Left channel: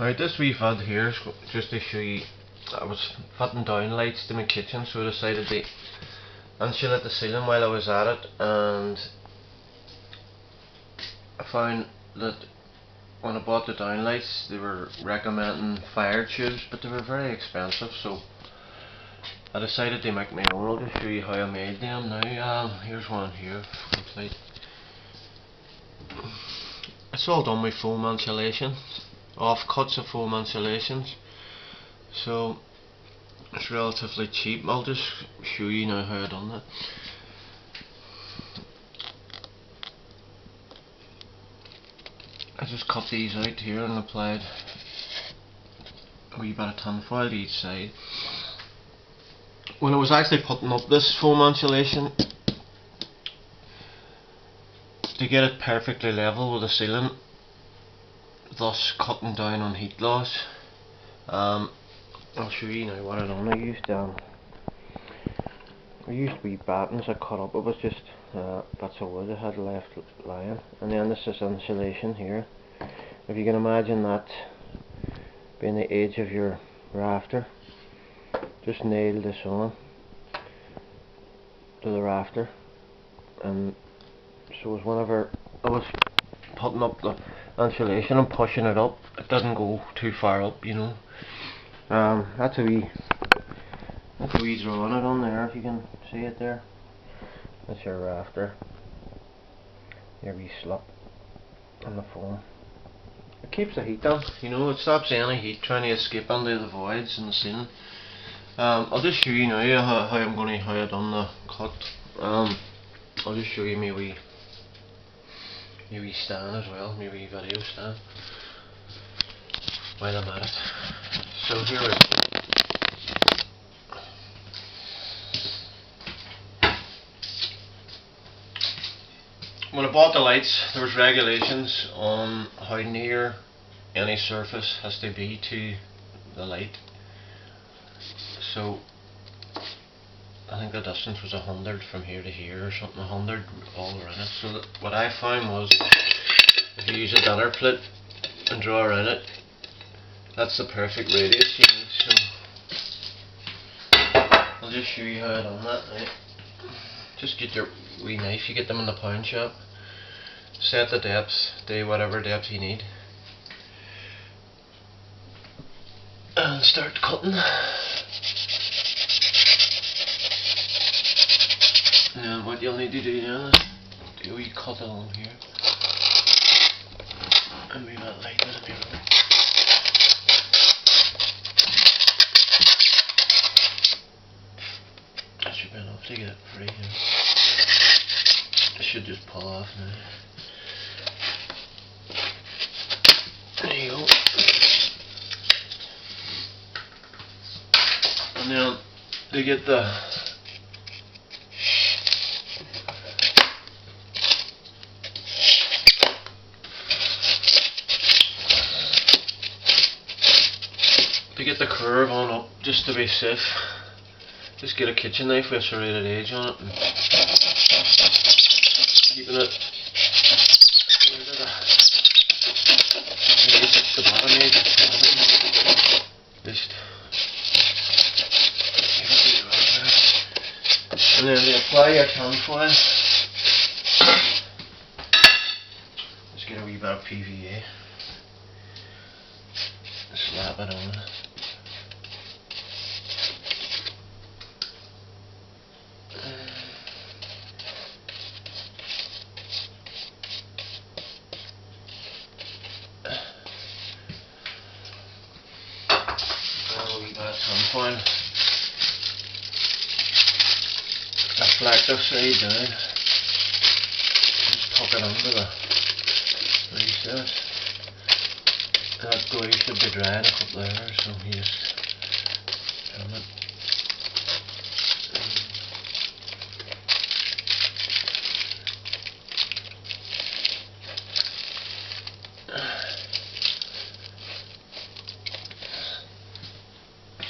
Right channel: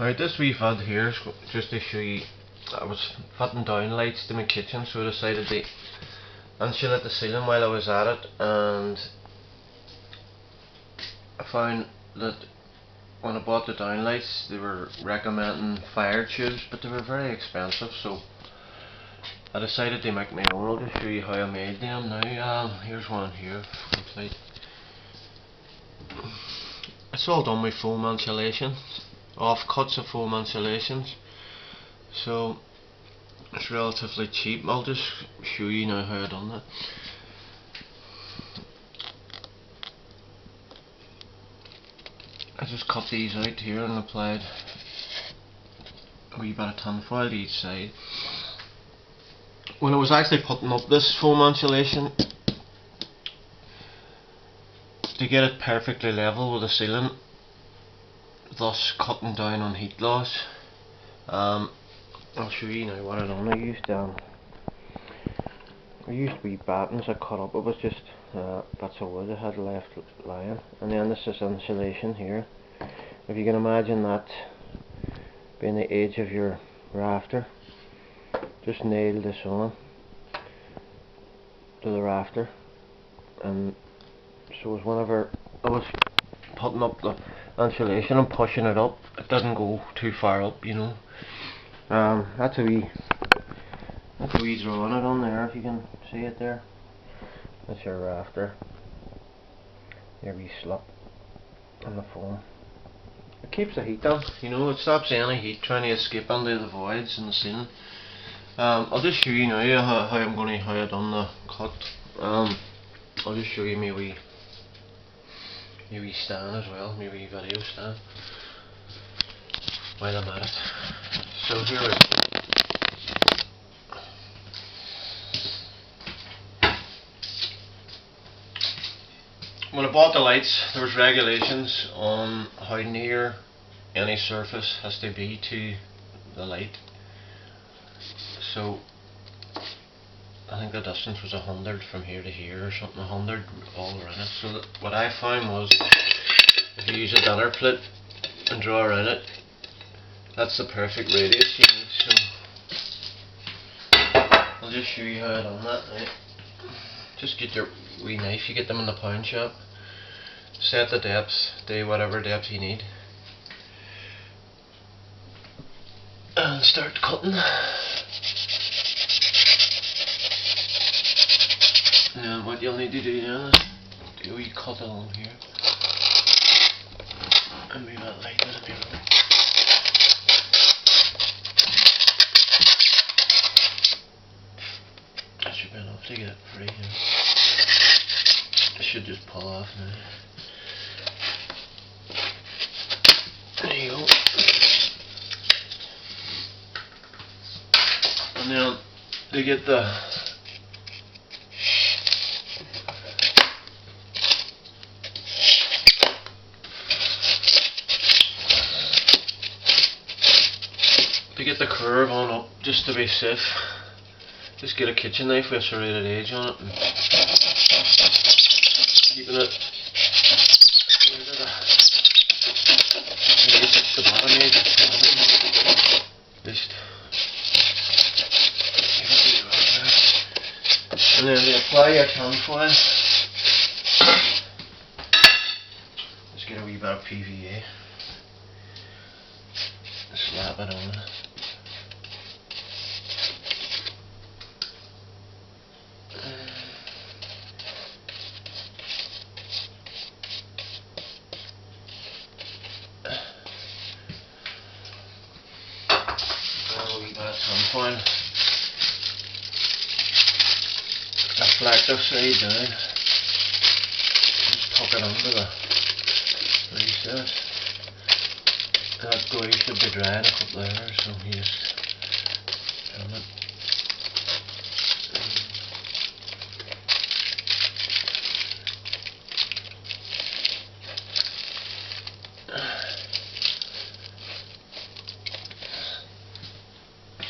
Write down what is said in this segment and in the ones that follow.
Right, this wee vid here is just to show you. I was fitting down lights to my kitchen, so I decided to insulate the ceiling while I was at it, and I found that when I bought the downlights they were recommending fire tubes, but they were very expensive, so I decided to make my own. I'll just show you how I made them now. Here's one here, complete. It's all done with foam insulation, offcuts of foam insulations, so it's relatively cheap. I'll just show you now how I done that. I just cut these out here and applied a wee bit of tinfoil to each side. When I was actually putting up this foam insulation, to get it perfectly level with the ceiling, thus cutting down on heat loss, I'll show you now what I done. I used wee battens I cut up. It was just bits of wood I had left lying, and then this is insulation here. If you can imagine that being the edge of your rafter, just nailed this on to the rafter, and so as whenever I was putting up the insulation and pushing it up, it didn't go too far up, you know. That's a wee drawing it on there, if you can see it there. That's your rafter, your wee slip on the foam. It keeps the heat down, you know. It stops any heat trying to escape into the voids in the ceiling. I'll just show you now how I done the cut. I'll just show you my wee stand as well, my wee video stand, while I'm at it. So here we go. When I bought the lights, there was regulations on how near any surface has to be to the light. So I think the distance was 100 from here to here or something, 100 all around it. So that what I found was, if you use a dinner plate and draw around it, that's the perfect radius you need. So I'll just show you how I done that now. Just get your wee knife, you get them in the pound shop, set the depth to whatever depth you need, and start cutting. Now what you'll need to do now is do a wee cut along here, and move that light with a bit of it. That should be enough to get it free. It should just pull off now. There you go. And then to get the curve on up, just to be safe, just get a kitchen knife with a serrated edge on it, and keeping it the bottom edge, just and then to apply your tinfoil, just get a wee bit of PVA, slap it on. Tinfoil, deflect the side down, just tuck it under the recess. That glue should be dry in a couple of hours, so you just turn it.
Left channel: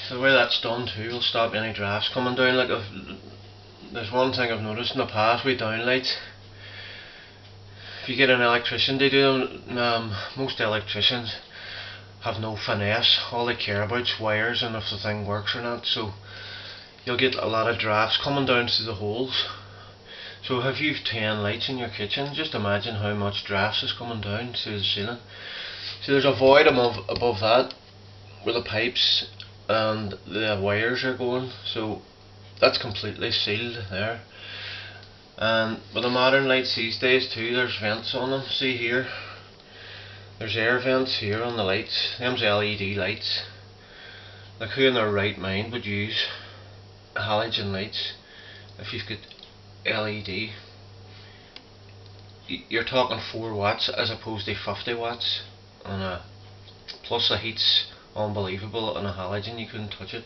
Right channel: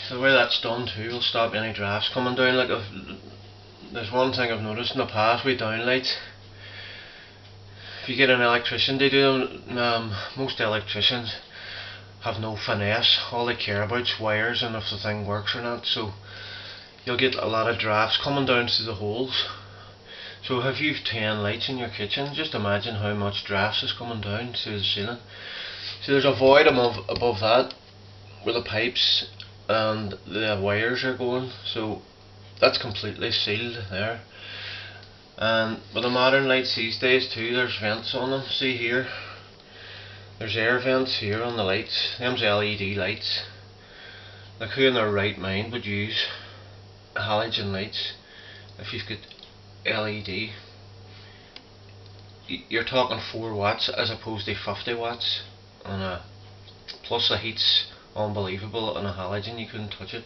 So the way that's done too will stop any drafts coming down. Like, there's one thing I've noticed in the past with downlights. If you get an electrician to do them, most electricians have no finesse. All they care about is wires and if the thing works or not. So you'll get a lot of drafts coming down through the holes. So if you've 10 lights in your kitchen, just imagine how much drafts is coming down through the ceiling. So there's a void above that where the pipes and the wires are going, so that's completely sealed there. And with the modern lights these days too, there's vents on them. See here, there's air vents here on the lights. Them's LED lights. Like, who in their right mind would use halogen lights if you've got LED? You're talking 4 watts as opposed to 50 watts on plus the heat's unbelievable on a halogen. You couldn't touch it.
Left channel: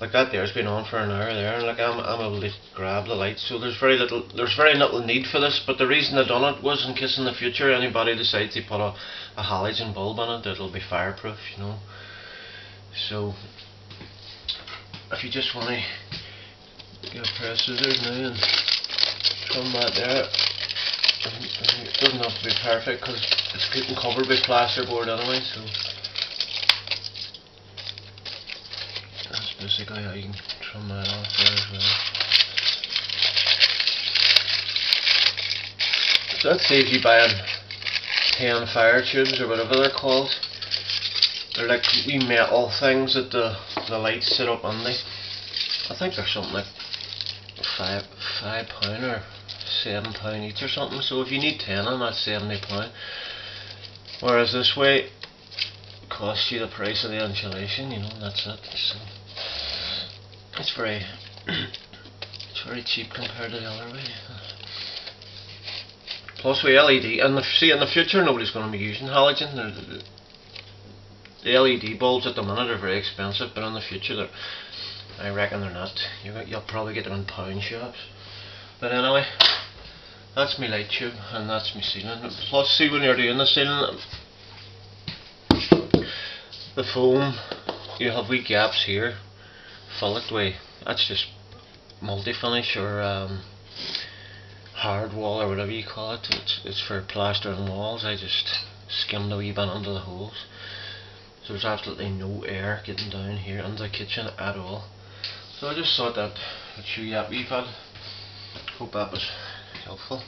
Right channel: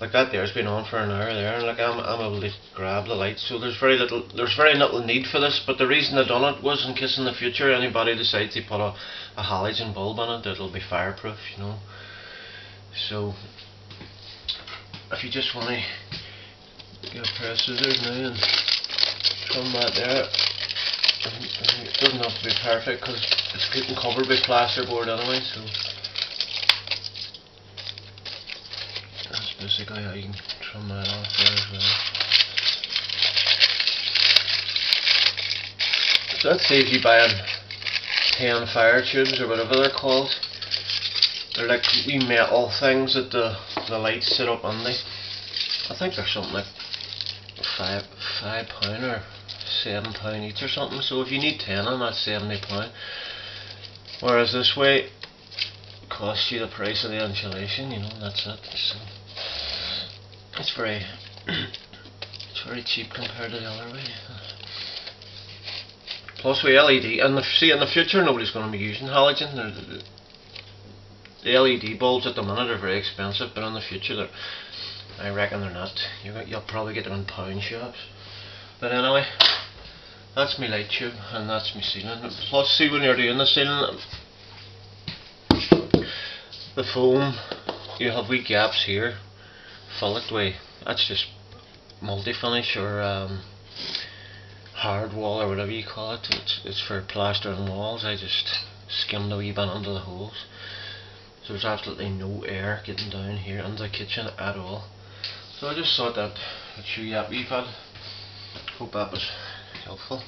Like that there's been on for an hour there, and like I'm able to grab the lights. So there's very little need for this, but the reason I done it was in case in the future anybody decides to put a halogen bulb on it, it'll be fireproof, you know. So if you just want to get a pair of scissors now and trim that there. It doesn't have to be perfect because it's getting covered by plasterboard anyway, so that's basically how you can trim that off there as well. So that saves you buying 10 fire tubes or whatever they're called. They're like wee metal things that the lights sit up on. I think they're something like £5 or £7 each or something. So if you need 10 on that's £70. Whereas this way it costs you the price of the insulation, you know, that's it. So it's very cheap compared to the other way. Plus with LED, and in the future nobody's going to be using halogen. The LED bulbs at the minute are very expensive, but in the future I reckon they're not. You'll probably get them in pound shops. But anyway, that's my light tube and that's my ceiling. Plus, see, when you're doing the ceiling, the foam, you have wee gaps here. Fill it with, that's just multi-finish or hard wall or whatever you call it. It's for plastering walls. I just skimmed a wee bit under the holes. So there's absolutely no air getting down here into the kitchen at all. So I just thought that I'd show you that wee bit. Hope that was helpful.